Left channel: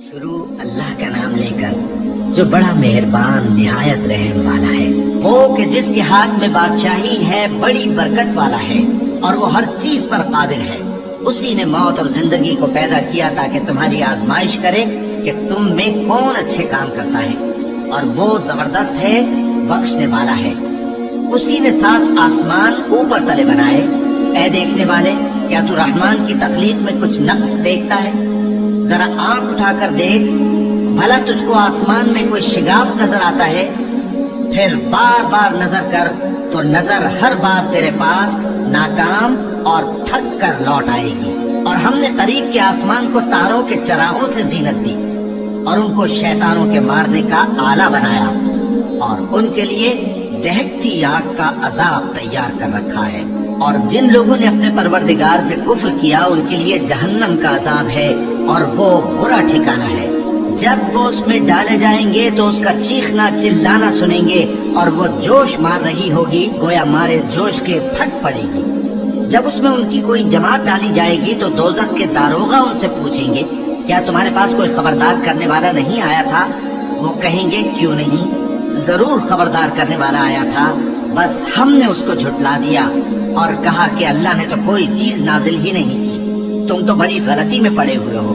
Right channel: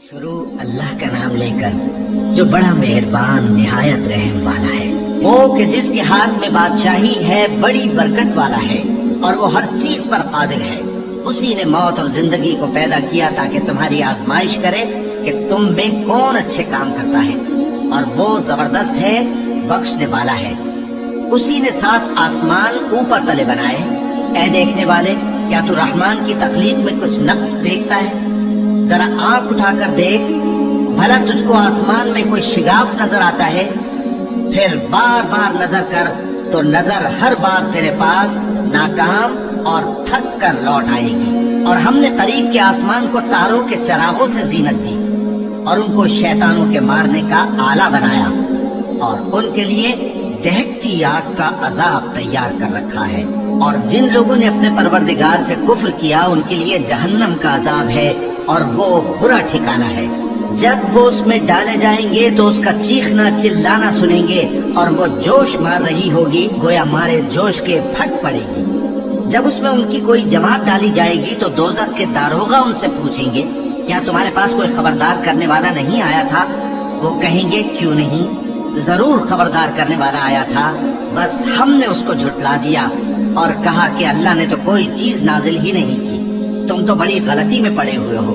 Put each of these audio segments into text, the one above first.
شروع اللہ کا نام لے کر جو بڑا مہربان نہایت رحم والا ہے، وہ کہ جس کے ہاتھ میں بادشاہی ہے، بڑی برکت والا ہے اور وہ ہر چیز پر قادر ہے۔ اسی نے موت اور زندگی کو پیدا کیا تاکہ تمہاری آزمائش کرے کہ تم میں کون اچھے کام کرتا ہے، اور وہ زبردست ہے، بخشنے والا ہے۔ اسی نے 7 آسمان اوپر تلے بنائے۔ اے دیکھنے والے، کیا تو رحمان کی تخلیق میں کچھ نقص دیکھتا ہے؟ ذرا آنکھ اٹھا کر دیکھ، بھلا تجھ کو آسمان میں کوئی شگاف نظر آتا ہے؟ پھر بار بار نظر کر تو نظر ہر بار تیرے پاس ناکام اور تھک کر لوٹ آئے گی۔ اور ہم نے قریب کے آسمان کو تاروں کے چراغوں سے زینت دی اور ان کو شیطانوں کے مارنے کا آلہ بنایا، اور ان کے لیے دہکتی آگ کا عذاب تیار کر رکھا ہے۔ اور جن لوگوں نے اپنے پروردگار سے کفر کیا ان کے لیے جہنم کا عذاب ہے، اور وہ برا ٹھکانہ ہے۔ جب وہ اس میں ڈالے جائیں گے تو اس کا چیخنا چلانا سنیں گے، اور وہ جوش مار رہی ہوگی، گویا مارے جوش کے پھٹ پڑے گی۔ جب اس میں ان کی کوئی جماعت ڈالی جائے گی تو دوزخ کے داروغہ ان سے پوچھیں گے، کیا تمہارے پاس کوئی خبردار کرنے والا نہیں آیا تھا؟ وہ کہیں گے، کیوں نہیں، ضرور خبردار کرنے والا آیا تھا، بس ہم نے اس کو جھٹلا دیا اور کہا کہ اللہ نے تو کوئی چیز نازل ہی نہیں کی، تم تو بڑی غلطی میں پڑے ہوئے ہو۔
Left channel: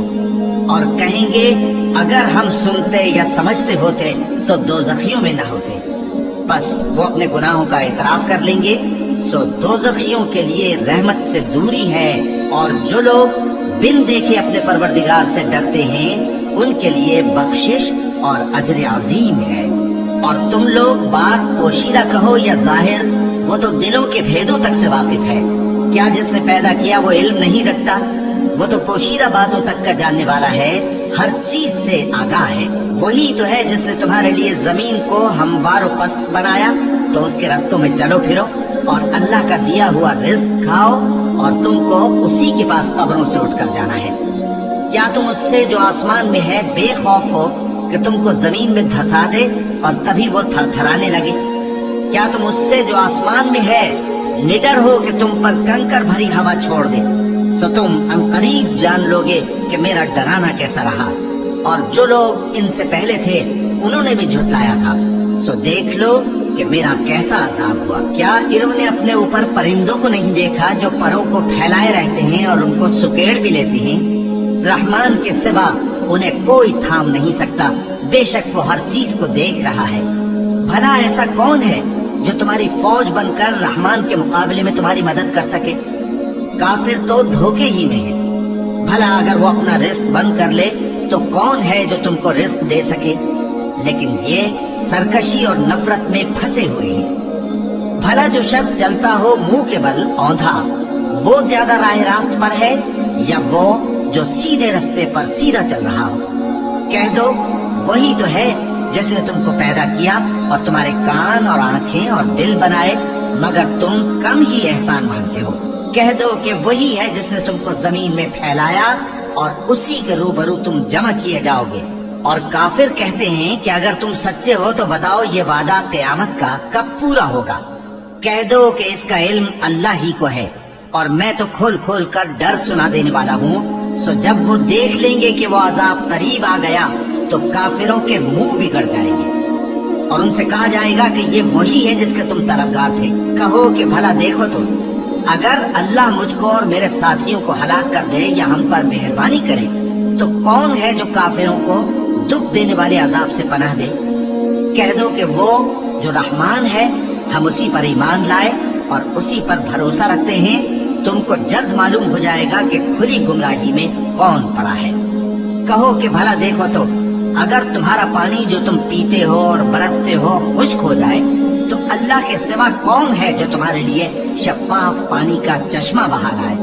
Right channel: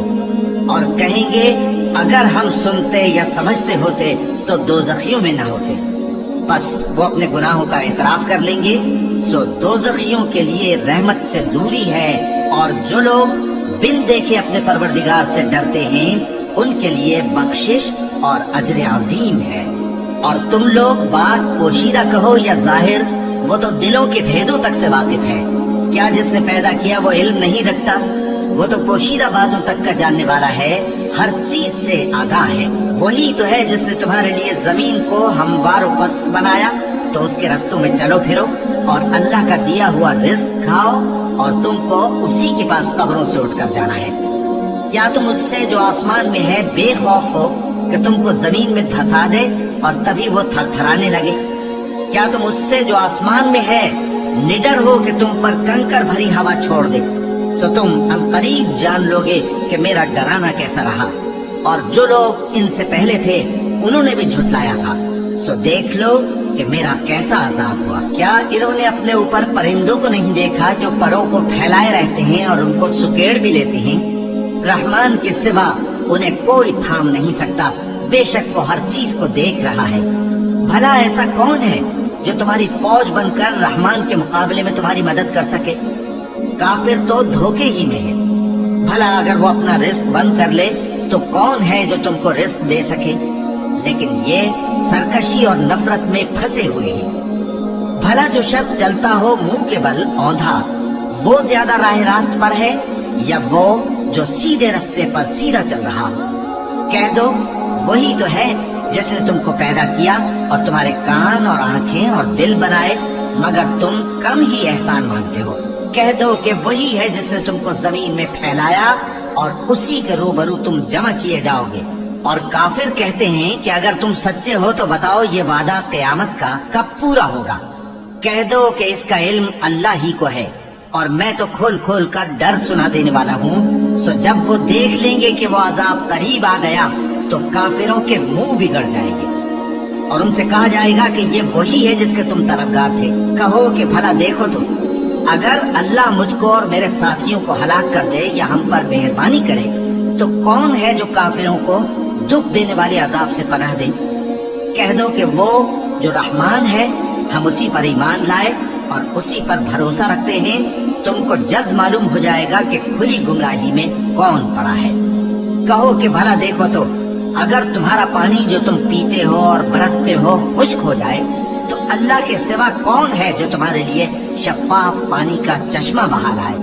اور کہیں گے، اگر ہم سنتے یا سمجھتے ہوتے تو دوزخیوں میں نہ ہوتے۔ بس وہ اپنے گناہوں کا اعتراف کر لیں گے، سو دوزخیوں کے لیے رحمت سے دوری ہے، اور جو لوگ بن دیکھے اپنے پروردگار سے ڈرتے ہیں ان کے لیے بخشش اور اجر عظیم ہے۔ اور تم لوگ بات پوشیدہ کہو یا ظاہر، وہ تو دلوں کے بھیدوں تک سے واقف ہے۔ کیا جس نے پیدا کیا وہ علم نہیں رکھتا؟ وہ تو پوشیدہ باتوں تک کا جاننے والا ہے، ہر چیز سے آگاہ ہے۔ وہی تو ہے جس نے تمہارے لیے زمین کو ہموار و پست بنایا، تو اس کے رستوں میں چلو پھرو اور اللہ کا دیا ہوا رزق کھاؤ، اور تم کو اسی کے پاس قبروں سے اٹھ کر جانا ہے۔ کیا تم اس سے جو آسمان میں ہے بے خوف ہو کہ تم کو زمین میں دھسا دے اور تبھی وہ تھر تھرانے لگے؟ کیا تم اس سے جو آسمان میں ہے نڈر ہو کہ تم پر کنکر بھری ہوا چھوڑ دے؟ سو تم عنقریب جان لوگے کہ میرا ڈرانا کیسا رہا۔ اور جو لوگ ان سے پہلے تھے انہوں نے بھی جھٹلایا تھا، سو دیکھ لو کہ میرا کیسا عذاب ہوا۔ کیا انہوں نے اپنے اوپر پرندوں کو نہیں دیکھا جو پروں کو پھیلائے رہتے ہیں اور ان کو سکیڑ بھی لیتے ہیں؟ رحمان کے سوا انہیں کوئی تھام نہیں سکتا، بے شک وہ ہر چیز کو دیکھ رہا ہے۔ بھلا ایسا کون ہے جو تمہاری فوج بن کر رحمان کے مقابلے میں تمہاری مدد کر سکے؟ کافر تو دھوکے ہی میں ہے۔ بھلا اگر وہ اپنا رزق بند کر لے تو کون ہے جو تم کو رزق دے سکے؟ لیکن یہ سرکشی اور نفرت میں پھنسے ہوئے ہیں۔ بھلا جو شخص چلتا ہو منہ کے بل اوندھا، وہ زیادہ راہ راست پر ہے یا وہ جو سیدھے رستے پر سیدھا چل رہا ہو؟ کہہ دو، وہی تو ہے جس نے تم کو پیدا کیا اور تمہارے کان اور آنکھیں اور دل بنائے، مگر تم کم ہی احسان مانتے ہو۔ کہہ دو کہ وہی ہے جس نے تم کو زمین میں پھیلایا اور اسی کے روبرو تم جمع کیے جاؤ گے۔ اور کافر کہتے ہیں کہ اگر تم سچے ہو تو بتاؤ یہ وعدہ قیامت کا کب پورا ہوگا؟ کہہ دو کہ اس کا علم اللہ ہی کو ہے، اور میں تو کھول کھول کر ڈر سنا دینے والا ہوں۔ سو جب وہ دیکھ لیں گے کہ وہ عذاب قریب آ گیا تو کافروں کے منہ بگڑ جائیں گے، اور ان سے کہا جائے گا کہ یہ وہی ہے جس کے تم طلبگار تھے۔ کہو کہ بھلا دیکھو تو، اگر اللہ مجھ کو اور میرے ساتھیوں کو ہلاک کر دے یا ہم پر مہربانی کرے تو کون ہے جو کافروں کو دکھ دینے والے عذاب سے پناہ دے؟ کہہ دو کہ وہ جو رحمان ہے، ہم اسی پر ایمان لائے اور اسی پر بھروسہ رکھتے ہیں۔ تم کو جلد معلوم ہو جائے گا کہ کھلی گمراہی میں کون پڑا ہے۔ کہو کہ بھلا دیکھو تو، اگر تمہارا پانی جو تم پیتے ہو اور برتتے ہو خشک ہو جائے تو اللہ کے سوا کون ہے جو تمہارے لیے شفاف پانی کا چشمہ بہا لائے؟